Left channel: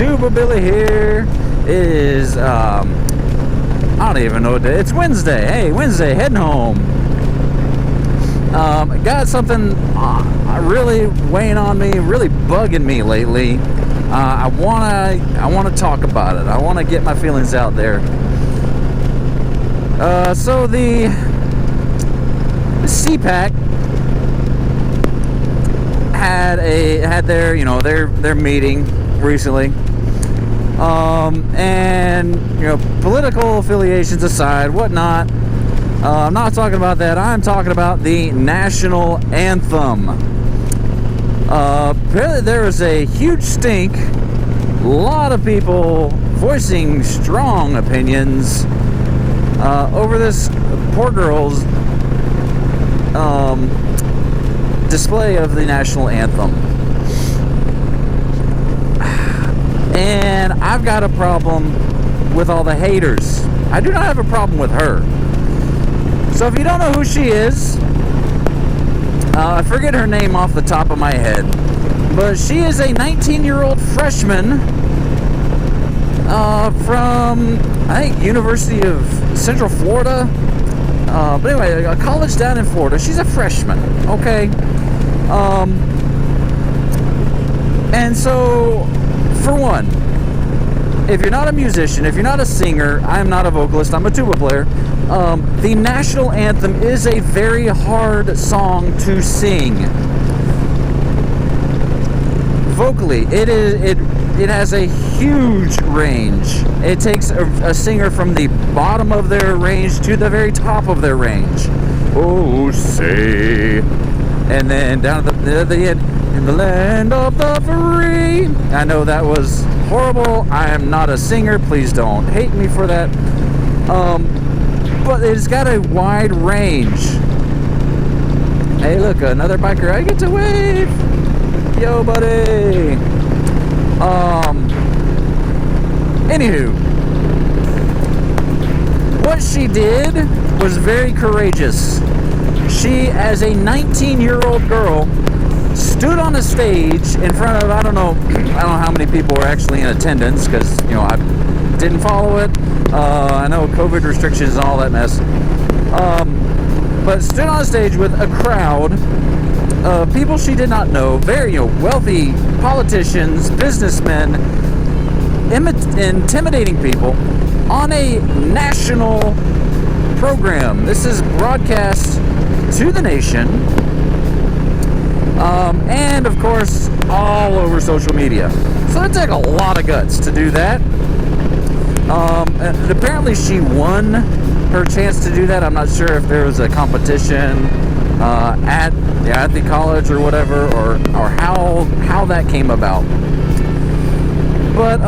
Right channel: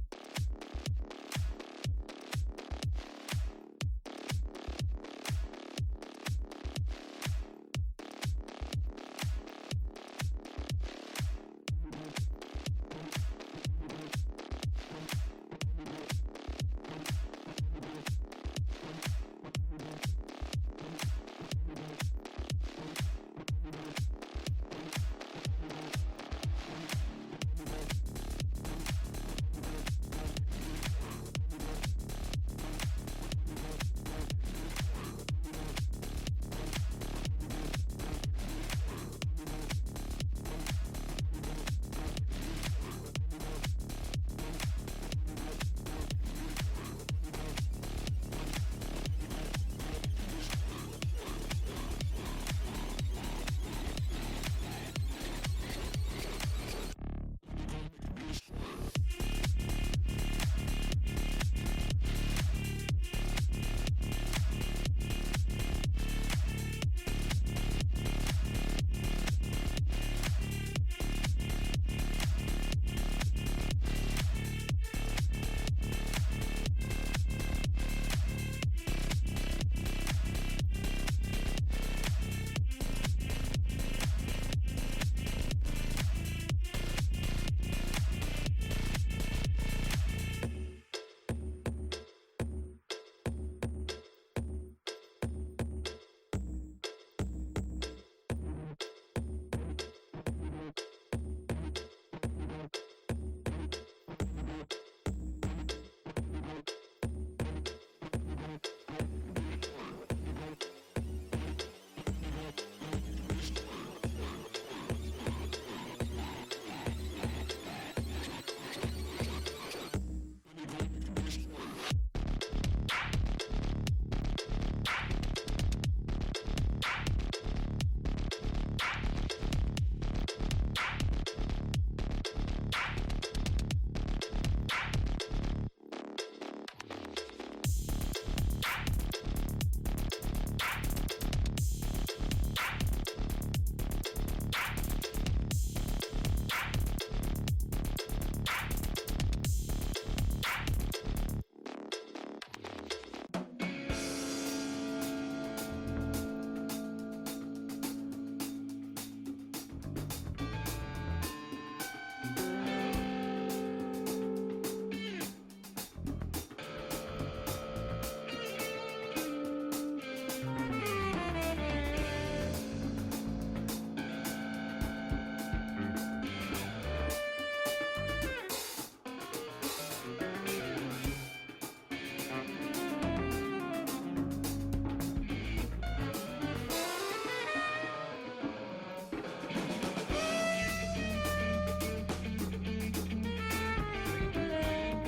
Tuba Billy here. It is, I don't even know what day. It's Wednesday. Hey, Wednesday, heading home. Got something really weighing on me, really bugging me lately. I wanna talk about it. I wanna get my feelings out there. So the CPAC had their meeting recently. And political affiliations aside, whatnot. I'm not talking about that. I'm talking about the National Anthem. Apparently there was a huge stink. A lot of people voicing strong opinions over this poor girl's display of the National Anthem. And I've got a problem with all the haters. I do not have a problem with her. So if you don't know who she is, I forget her name off the top of my head, but she is a 19-year-old freshman from, I think, University of Central Florida. But anyway, a college down in Florida. She's a freshman, okay? And so, for one, if you're not a musician, if you're not a singer, I'm not a vocalist, I'm a tuba player. The National Anthem is a very hard song to sing. Vocally, it has a huge range. It takes a singer from the bottom of their range to the very top of their range. Oh, say, and then down at the end, in the land of the free. I know that was horrible. I am not a singer. Please don't hate me for that. But it's got a wide range. Hey, look, another biker. I get to wave. Yo, buddy. Anywho, what she did was very courageous. She, as a 19-year-old girl, stood on a stage in front of, I don't know how many people were actually in attendance, because, I didn't follow it. I know COVID restrictions and all that mess. But stood on a stage with a crowd of people she did not know, very, wealthy politicians, businessmen, intimidating people on a national program. This is broadcast to the nation. And of course, all over social media. So it took a lot of guts to do that. And apparently she won her chance to do that. I'm not sure if there was a competition at the college or whatever, or how that came about. But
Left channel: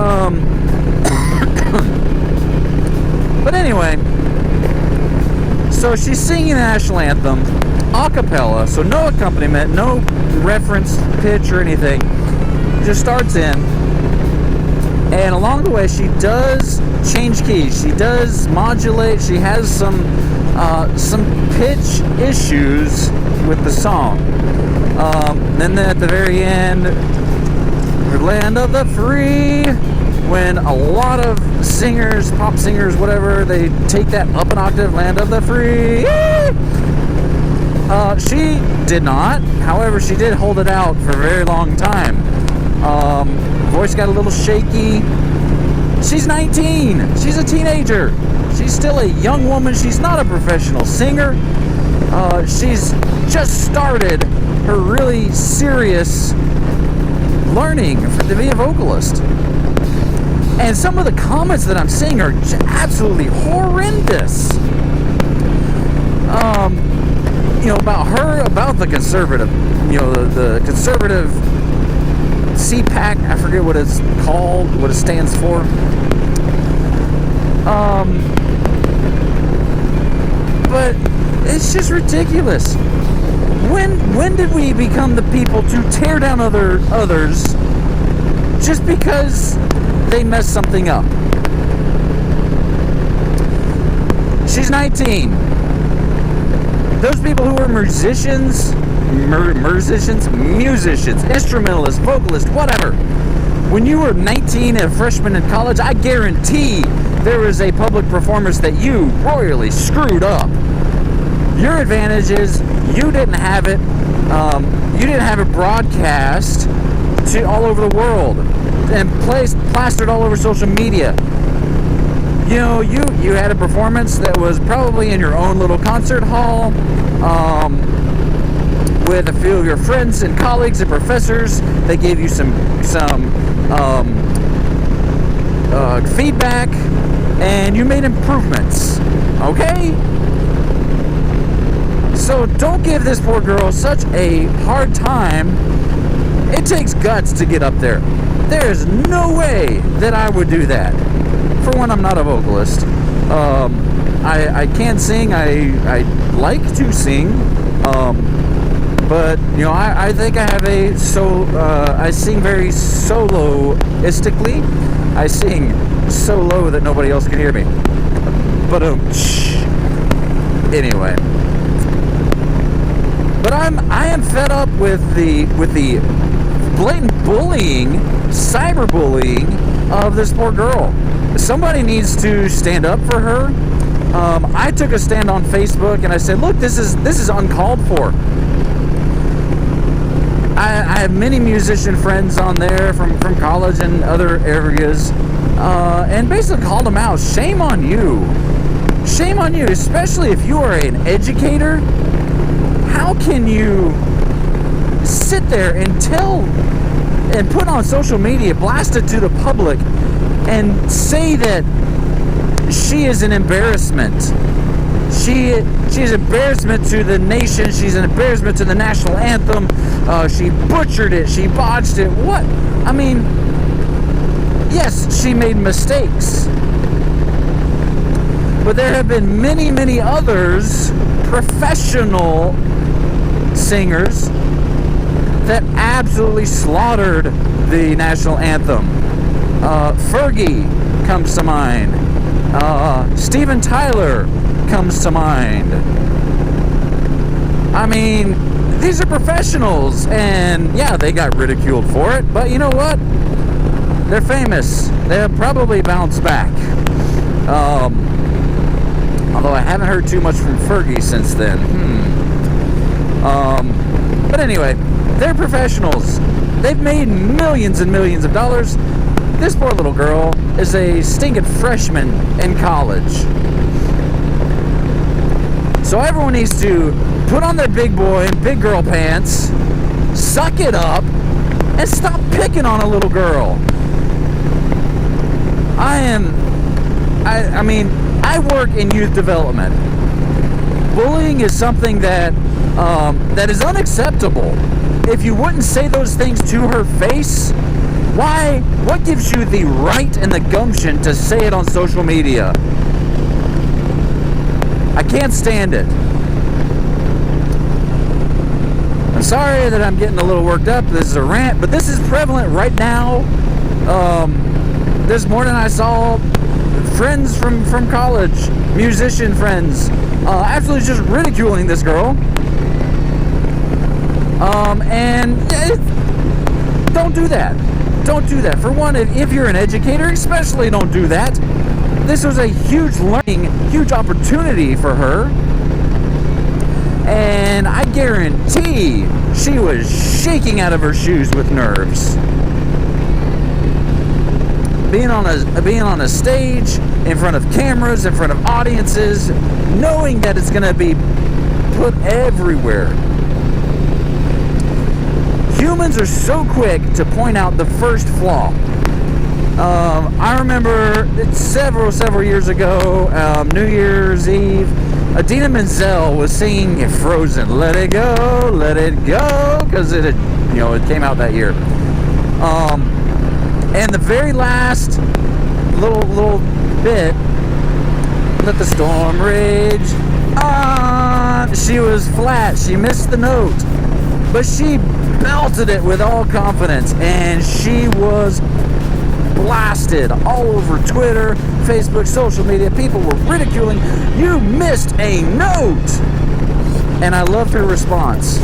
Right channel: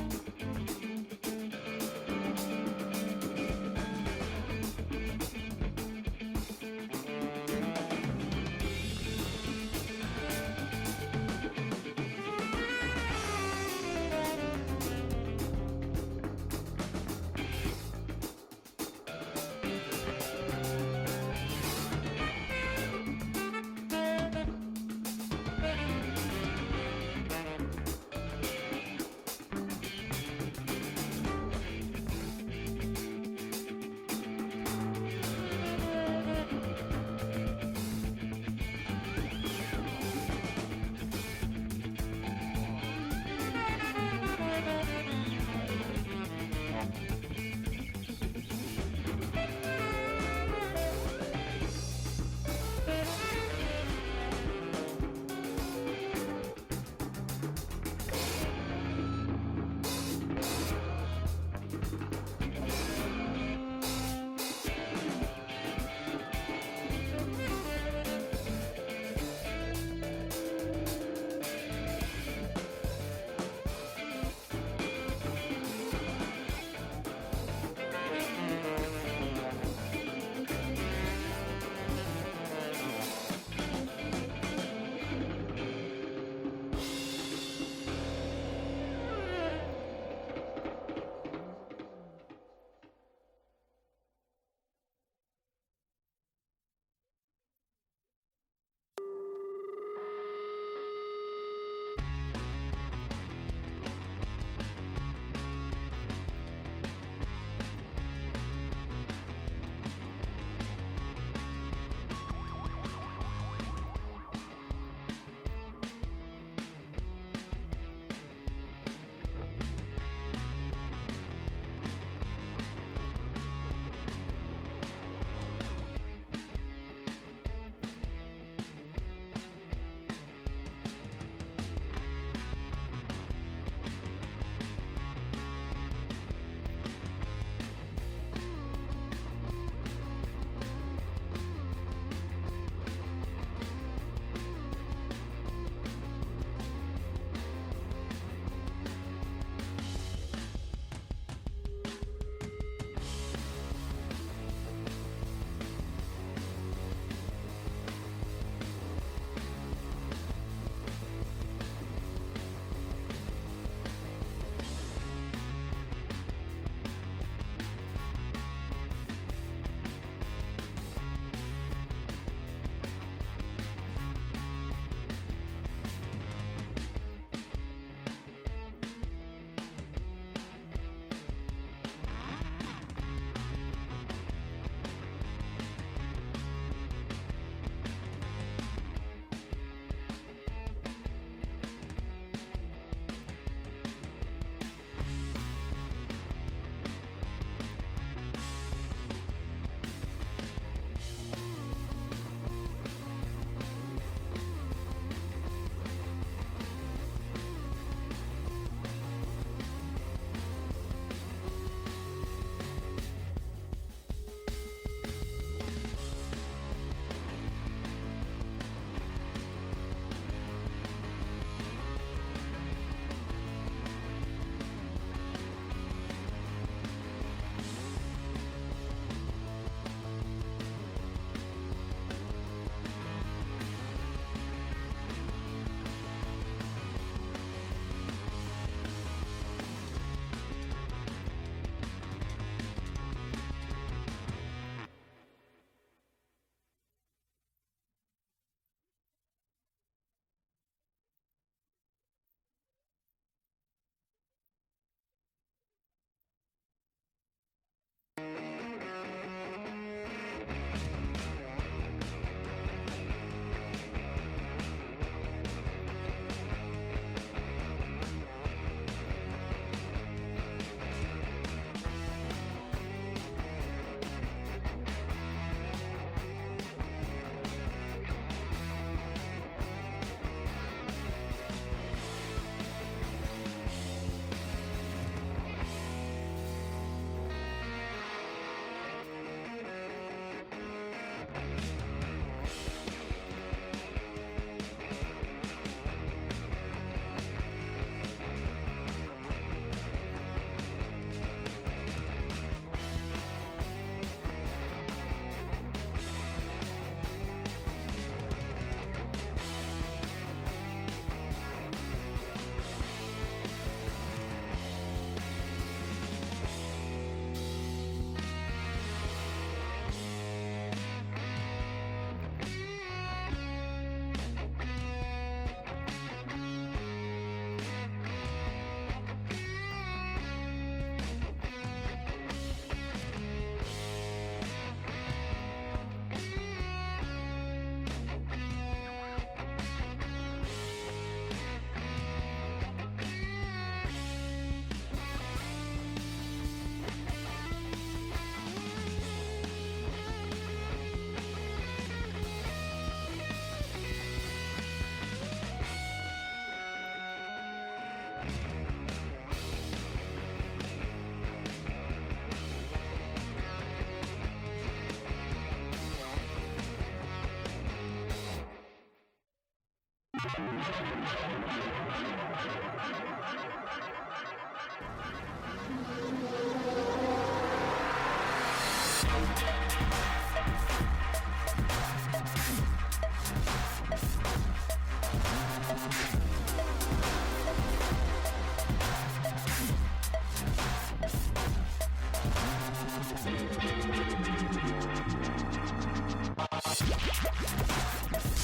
but anyway, so she's singing the National Anthem acapella, so no accompaniment, no reference pitch or anything. Just starts in, and along the way she does change keys, she does modulate, she has some pitch issues with the song. Then at the very end, the land of the free, when a lot of singers, pop singers, whatever, they take that up an octave, land of the free. She did not. However, she did hold it out for a very long time. Voice got a little shaky. She's 19. She's a teenager. She's still a young woman. She's not a professional singer. She's just started her really serious learning to be a vocalist. And some of the comments that I'm seeing are absolutely horrendous. About her, about the conservative, the conservative CPAC, I forget what it's called, what it stands for. But it's just ridiculous. When did we become the people to tear down others just because they messed something up? She's 19. Those people who are musicians, instrumentalists, vocalists, whatever, When you were 19 and a freshman in college, I guarantee there was a public performance that you royally screwed up. Your advantage is you didn't have it. You didn't have it broadcast to all over the world and plastered all over social media. You know, you had a performance that was probably in your own little concert hall, with a few of your friends and colleagues and professors. They gave you some feedback, and you made improvements. Okay? So don't give this poor girl such a hard time. It takes guts to get up there. There's no way that I would do that. For one, I'm not a vocalist. I can't sing. I like to sing. But, you know, I think I have I sing very soloistically. I sing so low that nobody else can hear me. But, anyway. But I am fed up with the blatant bullying, cyberbullying of this poor girl. Somebody needs to stand up for her. I took a stand on Facebook and I said, look, this is uncalled for. I have many musician friends on there from college and other areas, and basically called them out. Shame on you. Shame on you, especially if you are an educator. How can you sit there and put on social media, blast it to the public, and say that she is an embarrassment? She's an embarrassment to the nation. She's an embarrassment to the National Anthem. She butchered it. She botched it. What? I mean, yes, she made mistakes. But there have been many, many others, professional singers, that absolutely slaughtered the National Anthem. Fergie comes to mind. Steven Tyler comes to mind. I mean, these are professionals, and yeah, they got ridiculed for it, but you know what? They're famous. They'll probably bounce back. Although I haven't heard too much from Fergie since then. But anyway, they're professionals. They've made millions and millions of dollars. This poor little girl is a stinking freshman in college. So everyone needs to put on their big boy and big girl pants, suck it up, and stop picking on a little girl. I work in youth development. Bullying is something that is unacceptable. If you wouldn't say those things to her face, why? What gives you the right and the gumption to say it on social media? I can't stand it. I'm sorry that I'm getting a little worked up. This is a rant, but this is prevalent right now. This morning I saw friends from college, musician friends, absolutely just ridiculing this girl. Don't do that. Don't do that. For one, if you're an educator, especially don't do that. This was a huge learning, huge opportunity for her. And I guarantee she was shaking out of her shoes with nerves. Being on a stage, in front of cameras, in front of audiences, knowing that it's going to be put everywhere. Humans are so quick to point out the first flaw. I remember several years ago, New Year's Eve, Idina Menzel was singing Frozen, Let It Go, because it came out that year. And the very last little bit, let the storm rage on, she was flat, she missed the note, but she belted it with all confidence, and she was blasted all over Twitter, Facebook, social media. People were ridiculing, you missed a note. And I loved her response.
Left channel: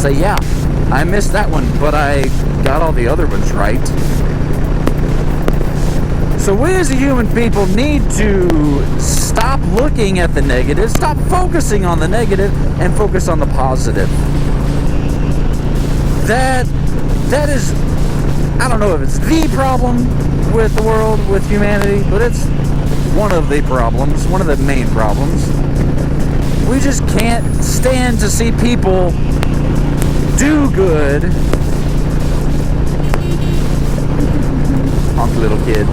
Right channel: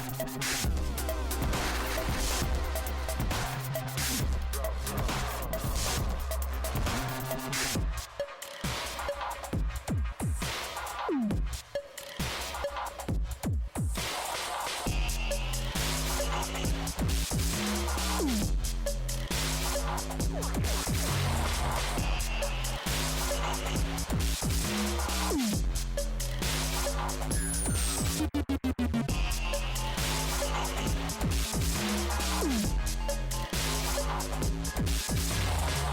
Say, yeah, I missed that one, but I got all the other ones right. So we as a human people need to stop looking at the negative, stop focusing on the negative, and focus on the positive. That is, I don't know if it's the problem with the world, with humanity, but it's one of the problems, one of the main problems. We just can't stand to see people do good. Honky little kid.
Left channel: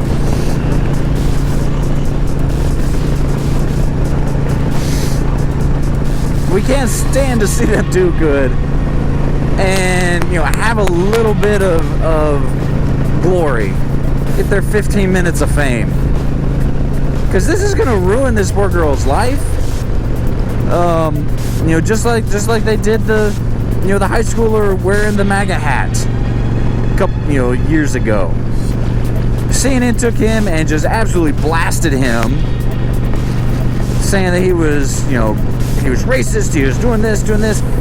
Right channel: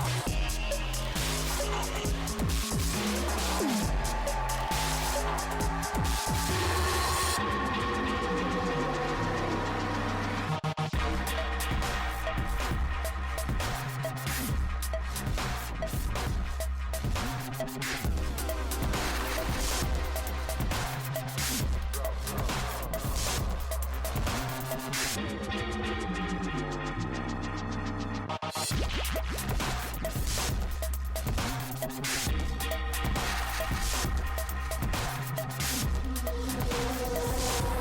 We can't stand to see them do good and, have a little bit of glory if they're 15 minutes of fame. Because this is going to ruin this poor girl's life. Just like they did the high schooler wearing the MAGA hat a couple, years ago. CNN took him and just absolutely blasted him, saying that he was racist, he was doing this,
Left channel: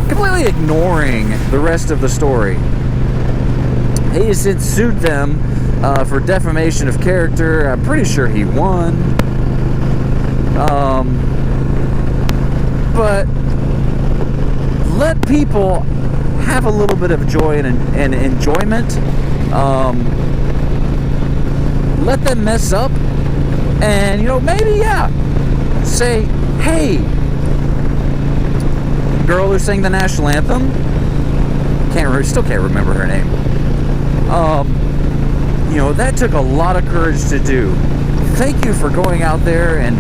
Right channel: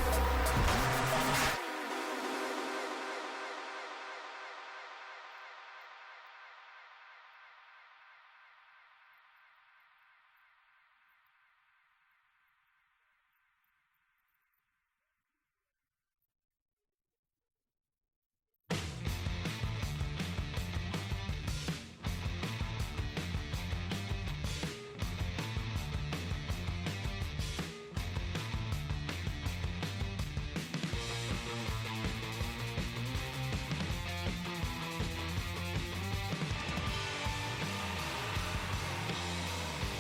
completely ignoring the rest of the story. He has since sued them for defamation of character. I'm pretty sure he won. But let people have a little bit of joy and enjoyment. Let them mess up, and maybe say, hey, girl who sang the national anthem, still can't remember her name. That took a lot of courage to do. Thank you for going out there and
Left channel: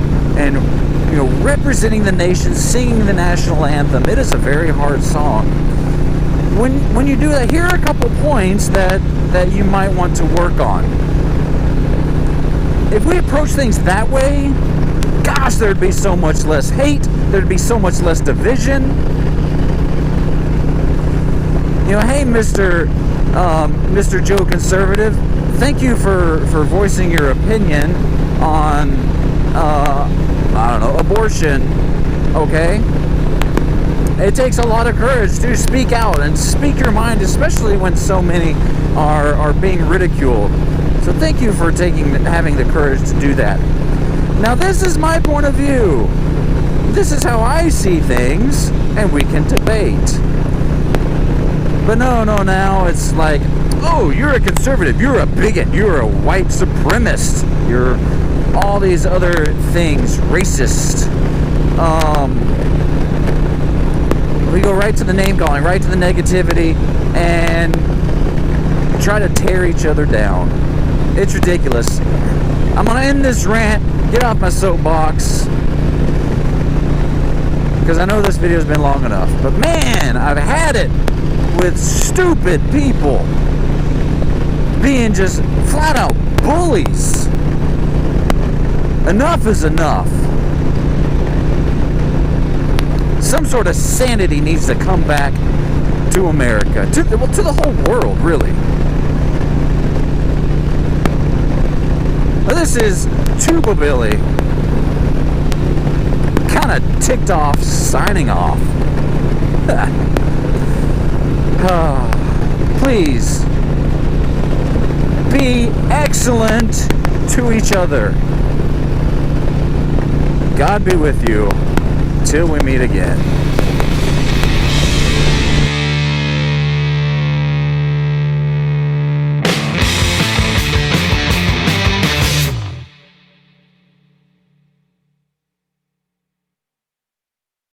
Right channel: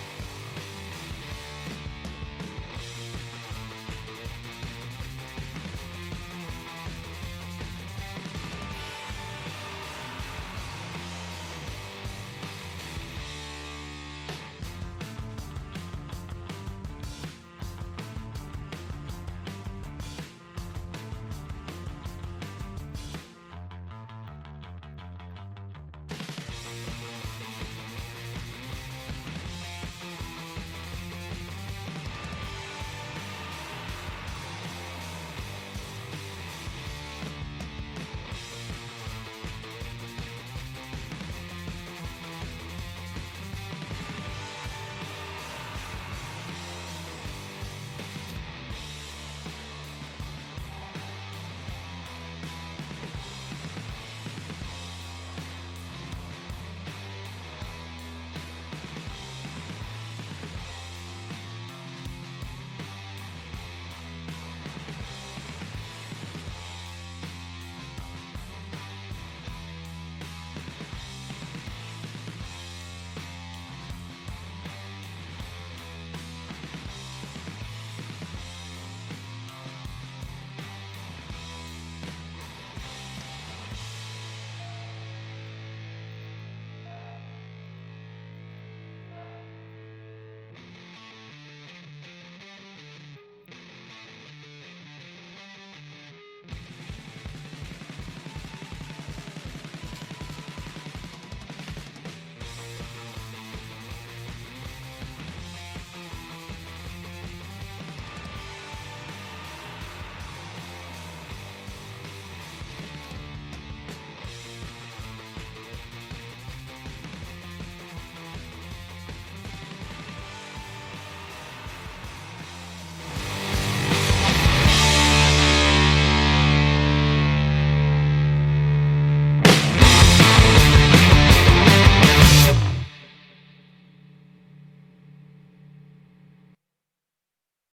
representing the nation, singing the national anthem. It is a very hard song. When you do that, here are a couple points that you might want to work on. If we approach things that way, gosh, there'd be so much less hate, there'd be so much less division. Hey, Mr. Joe Conservative, thank you for voicing your opinion on, abortion, okay? It takes a lot of courage to speak out and speak your mind, especially when so many are being ridiculed. So thank you for having the courage to do that. Now, this is my point of view. This is how I see things, and we can debate. But no, now it's like, oh, you're a conservative, you're a bigot, you're a white supremacist, you're all these other things, racist. We go right to the name calling, right to the negativity, and try to tear each other down. It's ridiculous. I'm gonna end this rant, get off my soapbox, because I know this video's been long enough. But man, I've had it with stupid people being just flat out bullies. Enough is enough. Some sort of sanity needs to come back to America, to the whole world, really. This is Tuba Billy, kind of ticked off, signing off. Please be excellent to each other. God be with you till we meet again.